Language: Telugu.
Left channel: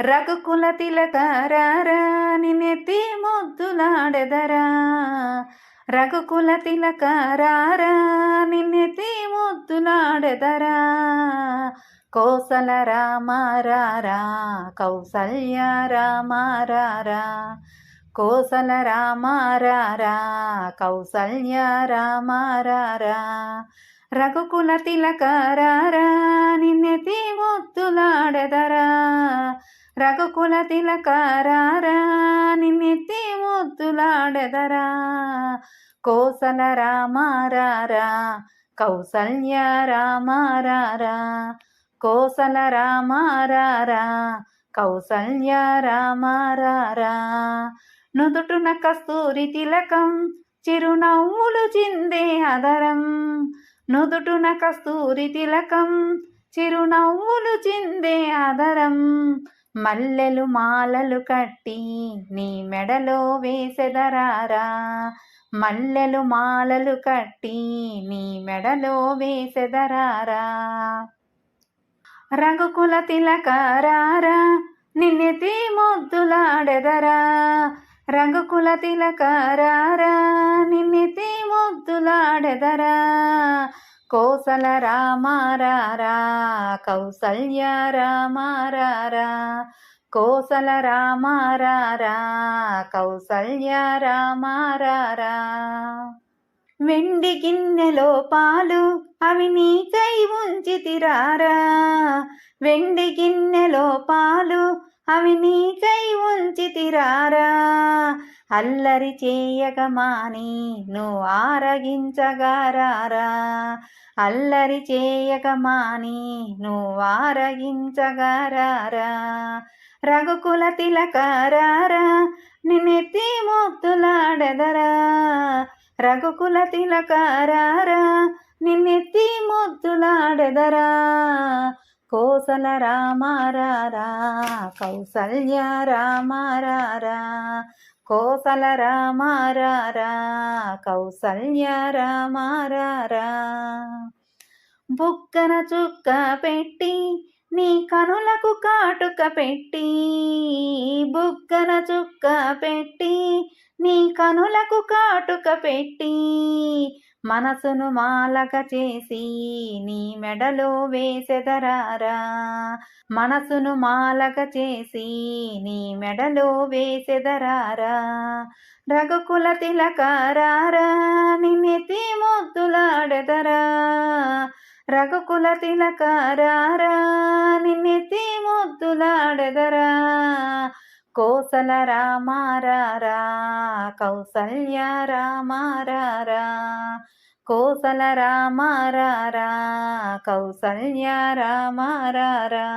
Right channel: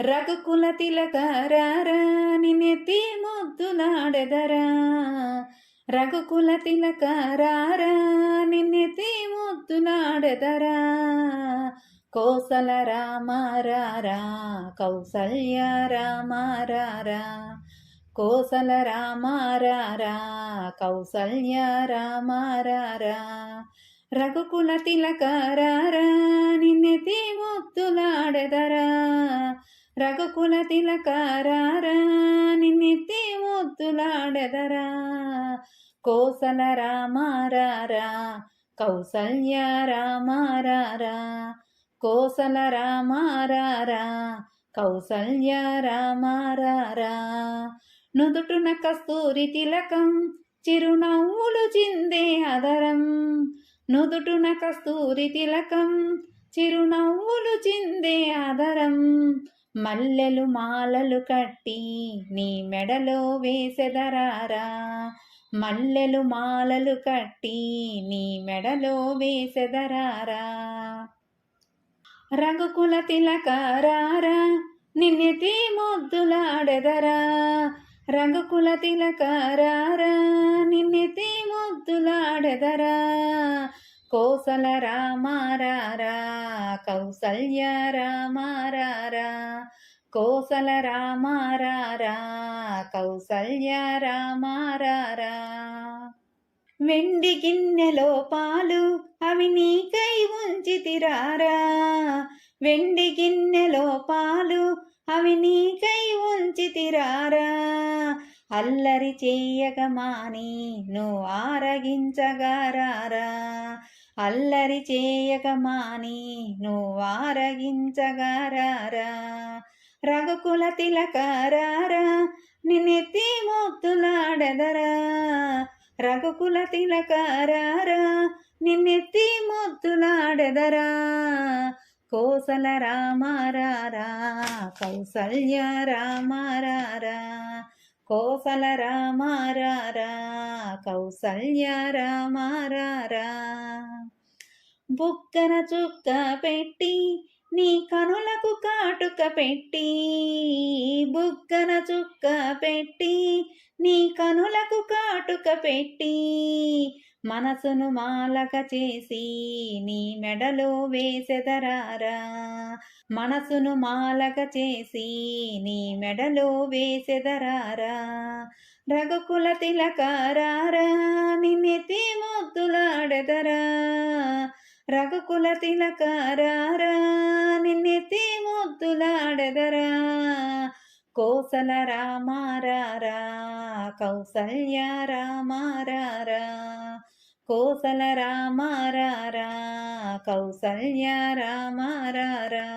రఘుకుల తిలకరారా నిన్నెత్తి ముద్దులాడెదరా. రఘుకుల తిలకరారా నిన్నెత్తి ముద్దులాడెదరా. కోసల రామారారా కౌసల్య రామారారా. కోసల రామారారా కౌసల్య రామారారా. రఘుకుల తిలకరారా నిన్నెత్తి ముద్దులాడెదరా. రఘుకుల తిలకరారా నిన్నెత్తి ముద్దులాడెదరా. కోసల రామారారా కౌసల్య రామారారా. కోసల రామారారా కౌసల్య రామారారా. నుదుటున కస్తూరి తిలకం చిరునవ్వులు చిందే అదరం. నుదుటున కస్తూరి తిలకం చిరునవ్వులు చిందే అదరం. మల్లెలు మాలలు కట్టి నీ మెడలో వేసెదరారా. మల్లెలు మాలలు కట్టి నీ మెడలో వేసెదరారా. రఘుకుల తిలకరారా నిన్నెత్తి ముద్దులాడెదరా. రఘుకుల తిలకరారా నిన్నెత్తి ముద్దులాడెదరా. కోసల రామారారా కౌసల్య రామారారా. కోసల రామారారా కౌసల్య రామారారా. వెండి గిన్నెలో పాలు అవి నీకై ఉంచితిరారా. వెండి గిన్నెలో పాలు అవి నీకై ఉంచితిరారా. అల్లరి చేయగమాని నువ్వు ఆరగించగారారా. అల్లరి చేయగమాని నువ్వు ఆరగించగారారా. రఘుకుల తిలకరారా నిన్నెత్తి ముద్దులాడెదరా. రఘుకుల తిలకరారా నిన్నెత్తి ముద్దులాడెదరా. కోసల రామారారా కౌసల్య రామారారా. కోసల రామారారా కౌసల్య రామారారా. బుగ్గన చుక్క పెట్టి నీ కనులకు కాటుక పెట్టి. బుగ్గన చుక్క పెట్టి నీ కనులకు కాటుక పెట్టి. మనసును మాలక చేసి నీ మెడలో వేసెదరారా. మనసును మాలక చేసి నీ మెడలో వేసెదరారా. రఘుకుల తిలకరారా నిన్నెత్తి ముద్దులాడెదరా. రఘుకుల తిలకరారా నిన్నెత్తి ముద్దులాడెదరా. కోసల రామారారా కౌసల్య రామారారా. కోసల రామారారా కౌసల్య రామారారా.